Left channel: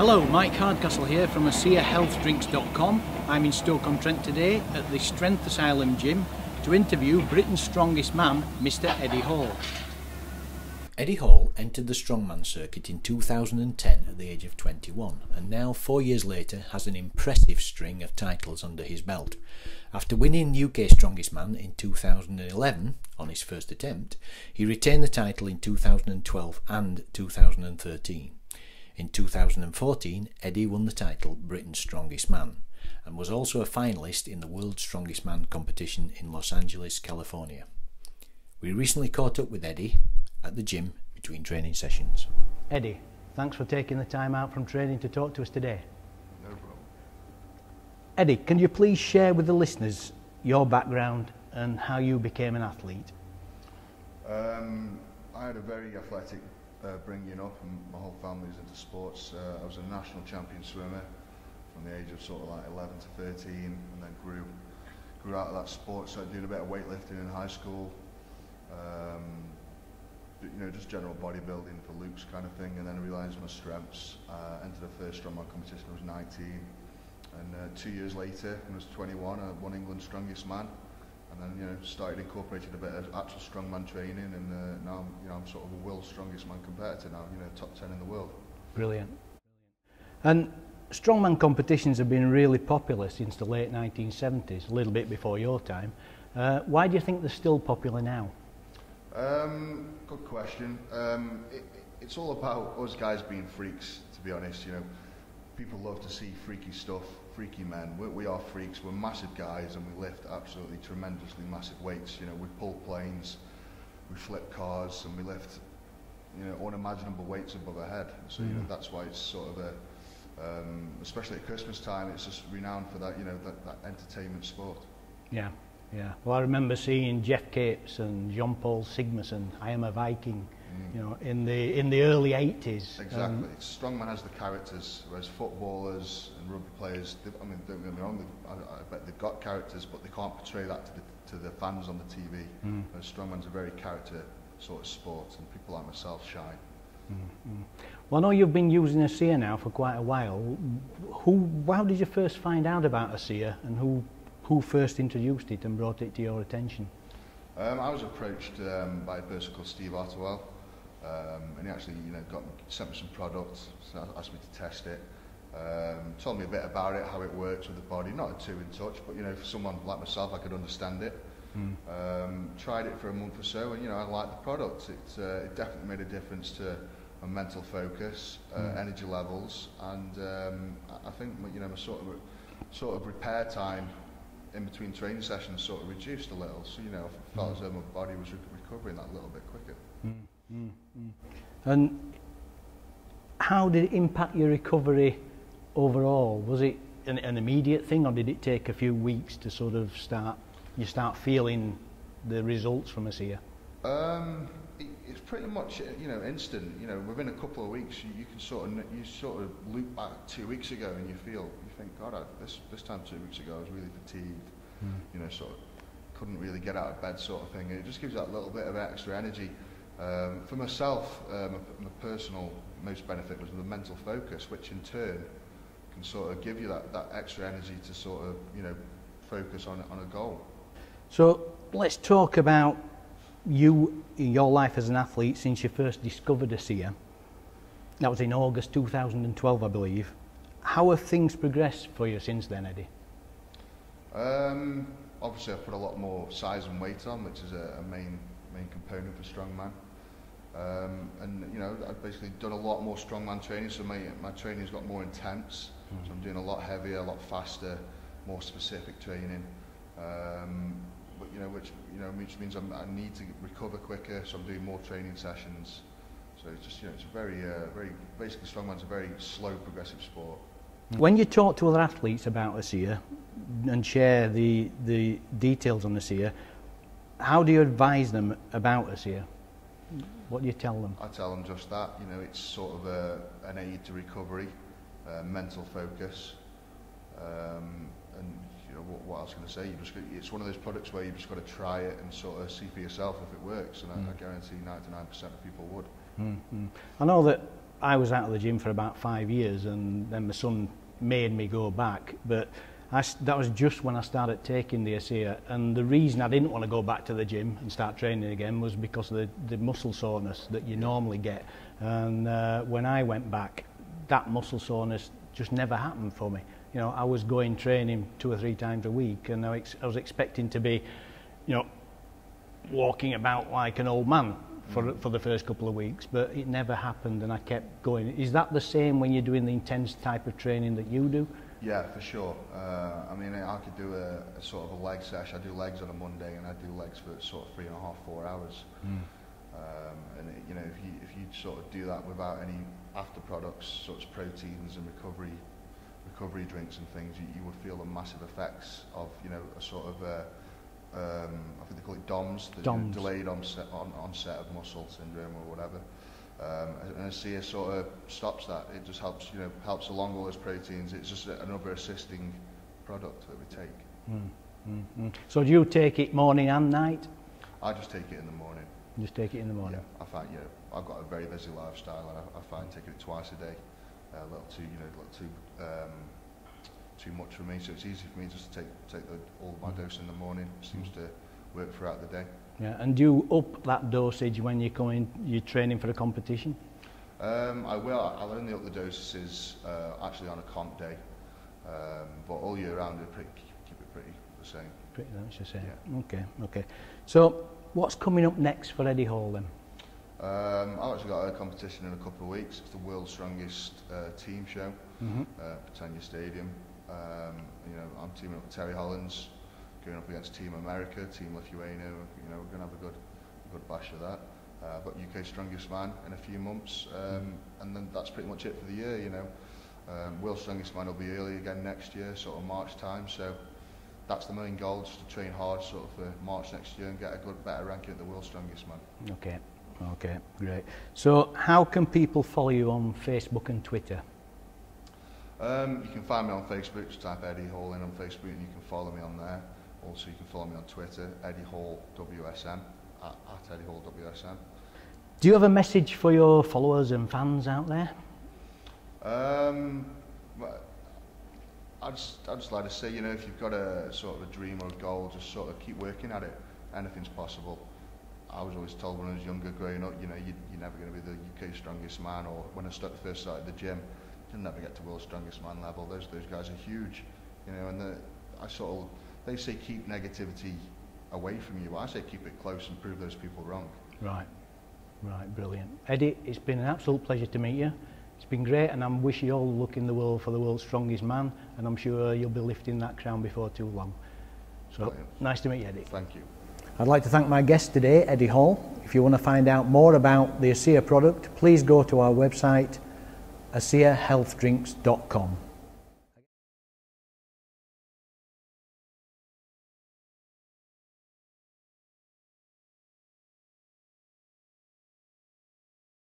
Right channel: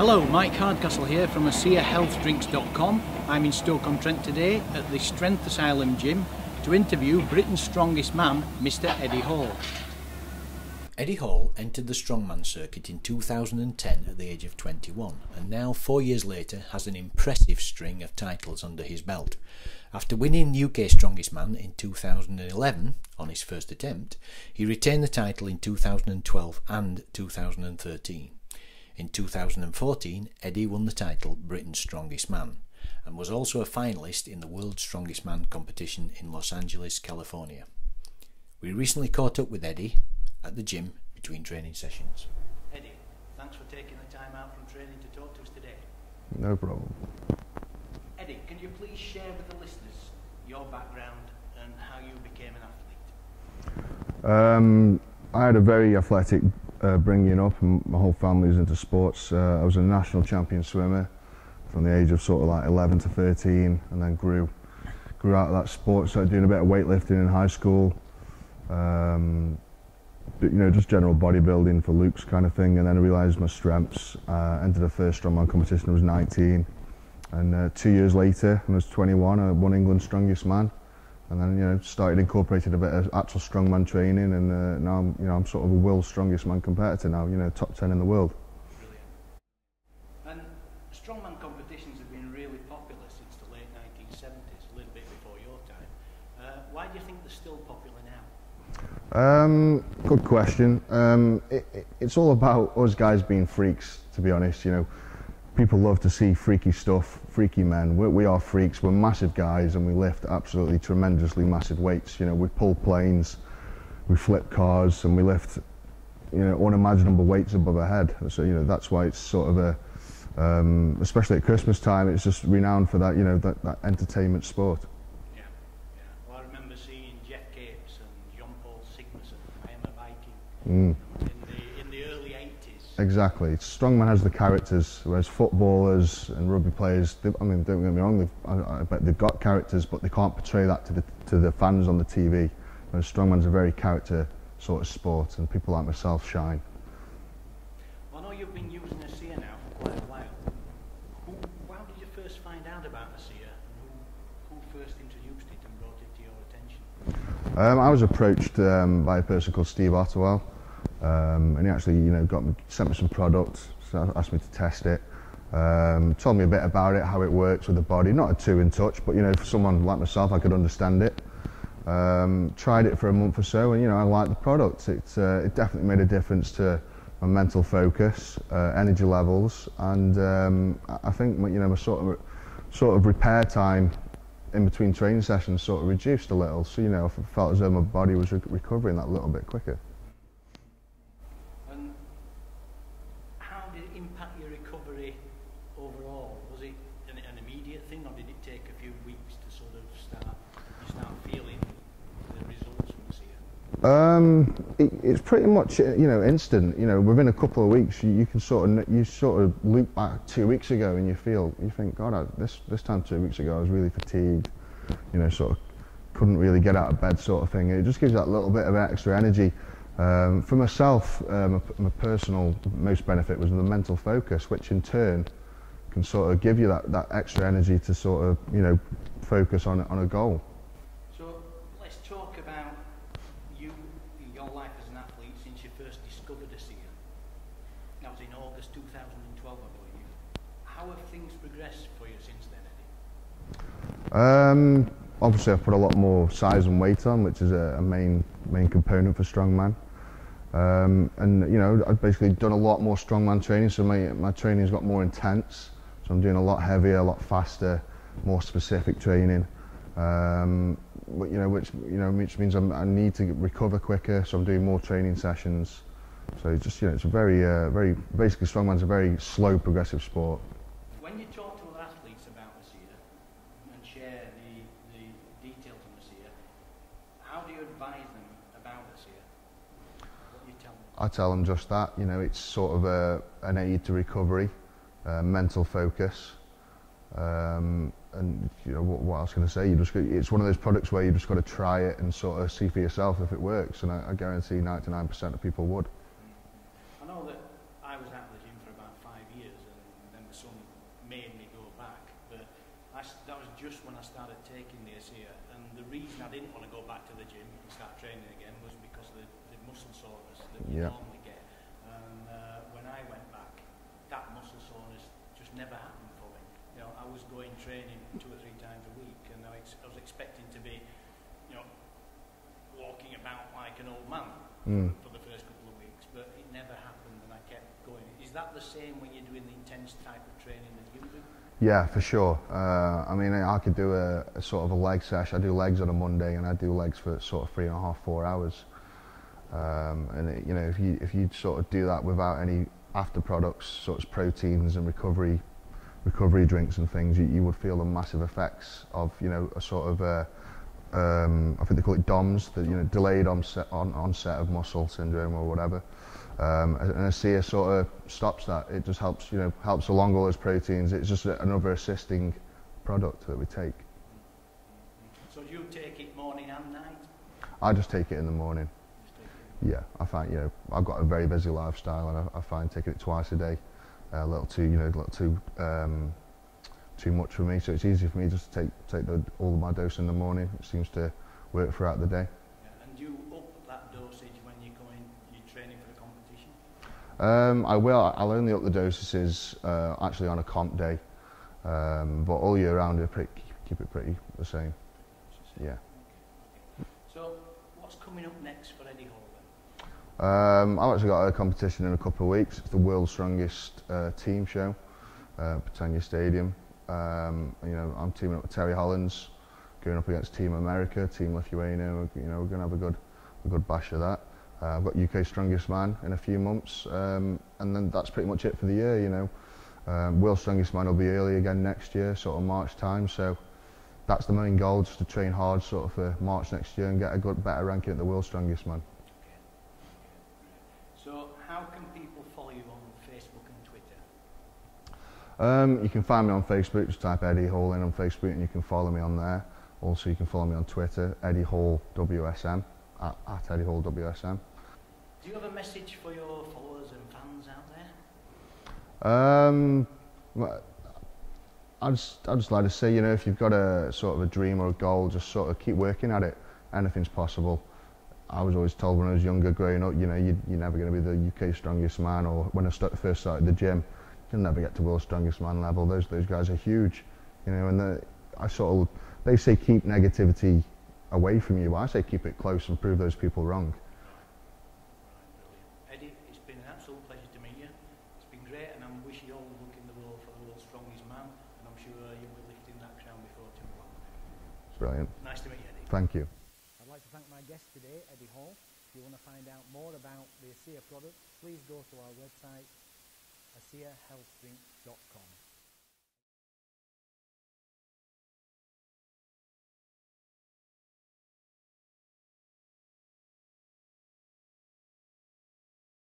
Hello, Mike Hardcastle here from ASEAHealthDrinks.com. I'm in Stoke-on-Trent today at the Strength Asylum gym to interview Britain's strongest man, Mr. Eddie Hall. Eddie Hall entered the strongman circuit in 2010 at the age of 21 and now 4 years later has an impressive string of titles under his belt. After winning UK Strongest Man in 2011 on his first attempt, he retained the title in 2012 and 2013. In 2014, Eddie won the title Britain's Strongest Man and was also a finalist in the World's Strongest Man competition in Los Angeles, California. We recently caught up with Eddie at the gym between training sessions. Eddie, thanks for taking the time out from training to talk to us today. No problem. Eddie, can you please share with the listeners your background and how you became an athlete? I had a very athletic bringing up, and my whole family was into sports. I was a national champion swimmer from the age of sort of like 11 to 13, and then grew out of that sport. Started doing a bit of weightlifting in high school, but, you know, just general bodybuilding for looks kind of thing. And then I realised my strengths. Entered the first strongman competition. I was 19, and 2 years later, when I was 21, I won England's Strongest Man. And then, you know, started incorporating a bit of actual strongman training, and now I'm sort of a world's strongest man competitor now, you know, top 10 in the world. Brilliant. And strongman competitions have been really popular since the late 1970s, a little bit before your time. Why do you think they're still popular now? Good question. It's all about us guys being freaks, to be honest. You know, people love to see freaky stuff, freaky men. We are freaks. We're massive guys, and we lift absolutely tremendously massive weights. You know, we pull planes, we flip cars, and we lift, you know, unimaginable weights above our head. So, you know, that's why it's sort of a, especially at Christmas time, it's just renowned for that, you know, that entertainment sport. Yeah. Yeah, well, I remember seeing Jeff Capes and Jean-Paul Sigmarsson, I Am a Viking, you know, in the early 80s. Exactly. Strongman has the characters, whereas footballers and rugby players, I mean, don't get me wrong, I bet they've got characters, but they can't portray that to the fans on the TV. Whereas strongman's a very character sort of sport, and people like myself shine. Well, I know you've been using ASEA now for quite a while. How did you first find out about ASEA, and who first introduced it and brought it to your attention? I was approached by a person called Steve Ottewell, and he actually, you know, sent me some products, so asked me to test it, told me a bit about it, how it works with the body. Not too in touch, but, you know, for someone like myself, I could understand it. Tried it for a month or so, and, you know, I liked the product. It definitely made a difference to my mental focus, energy levels, and I think, you know, my sort of repair time in between training sessions sort of reduced a little, so, you know, I felt as though my body was recovering that little bit quicker. And how did it impact your recovery overall? Was it an immediate thing, or did it take a few weeks to sort of start feeling the results from ASEA? It's pretty much, you know, instant. You know, within a couple of weeks, you can sort of loop back 2 weeks ago, and you think, God, this time 2 weeks ago I was really fatigued. You know, sort of couldn't really get out of bed, sort of thing. It just gives that little bit of extra energy. For myself, my personal most benefit was the mental focus, which in turn can sort of give you that extra energy to sort of, you know, focus on a goal. So let's talk about your life as an athlete since you first discovered ASEA. That was in August 2012, I believe. How have things progressed for you since then, Eddie? Obviously, I've put a lot more size and weight on, which is a main component for strongman. And, you know, I've basically done a lot more strongman training, so my training's got more intense. So I'm doing a lot heavier, a lot faster, more specific training. Which means I need to recover quicker, so I'm doing more training sessions. So just, you know, it's a very basically strongman's a very slow, progressive sport. When you talk to other athletes about ASEA and share the details on ASEA, how do you advise them about ASEA? What do you tell them? I tell them just that, you know, it's sort of an aid to recovery, mental focus. And, you know, what I was going to say, it's one of those products where you just got to try it and sort of see for yourself if it works, and I guarantee 99% of people would. I know that I was out of the gym for about 5 years, and then my son made me go back, but that was just when I started taking the ASEA, and the reason I didn't want to go back to the gym and start training again was because of the muscle soreness that you normally get. And when I went back, that muscle soreness just never happened for me. You know, I was going training 2 or 3 times a week, and I was expecting to be, you know, walking about like an old man for the first couple of weeks, but it never happened, and I kept going. Is that the same when you're doing the intense type of training that you do? Yeah, for sure. I mean, I could do a sort of a leg session. I do legs on a Monday, and I do legs for sort of 3.5, 4 hours. And it, you know, if you sort of do that without any after products, such as proteins and recovery drinks and things, you would feel the massive effects of, you know, a sort of I think they call it DOMS, you know, delayed onset of muscle syndrome or whatever. And ASEA sort of stops that. It just helps, you know, helps along all those proteins. It's just another assisting product that we take. So do you take it morning and night? I just take it in the morning. You just take it in the morning? Yeah, I find, you know, I've got a very busy lifestyle, and I find taking it twice a day a little too, you know, too much for me. So it's easy for me just to take all my dose in the morning. It seems to work throughout the day. Yeah, and do you up that dosage when you're training for a competition? I will. I'll only up the dosages actually on a comp day, but all year round I keep it pretty the same. Pretty much the same. Yeah. Okay. So what's coming up next for Eddie Hall then? I've actually got a competition in a couple of weeks. It's the world's strongest team show, Britannia Stadium. You know, I'm teaming up with Terry Hollands, going up against Team America, Team Lithuania. You know, we're going to have a good bash of that. I've got UK Strongest Man in a few months, and then that's pretty much it for the year. You know, World Strongest Man will be early again next year, sort of March time. So that's the main goal, just to train hard, sort of for March next year, and get a better ranking at the World Strongest Man. Okay, great. So how can people follow you on Facebook and Twitter? You can find me on Facebook. Just type Eddie Hall in on Facebook, and you can follow me on there. Also, you can follow me on Twitter, Eddie Hall WSM, at Eddie Hall WSM. Do you have a message for your followers and fans out there? I'd just like to say, you know, if you've got a sort of a dream or a goal, just sort of keep working at it. Anything's possible. I was always told when I was younger, growing up, you know, you're never going to be the UK Strongest Man, or when I first started the gym, you'll never get to World Strongest Man level. Those guys are huge, you know, and they say keep negativity away from you. I say keep it close and prove those people wrong. Right, brilliant. Eddie, it's been an absolute pleasure to meet you. It's been great, and I'm wishing you all the luck in the world for the World's Strongest Man, and I'm sure you'll be lifting that crown before too long. So, brilliant. Nice to meet you, Eddie. Thank you. I'd like to thank my guest today, Eddie Hall. If you want to find out more about the ASEA product, please go to our website, ASEAHealthDrinks.com.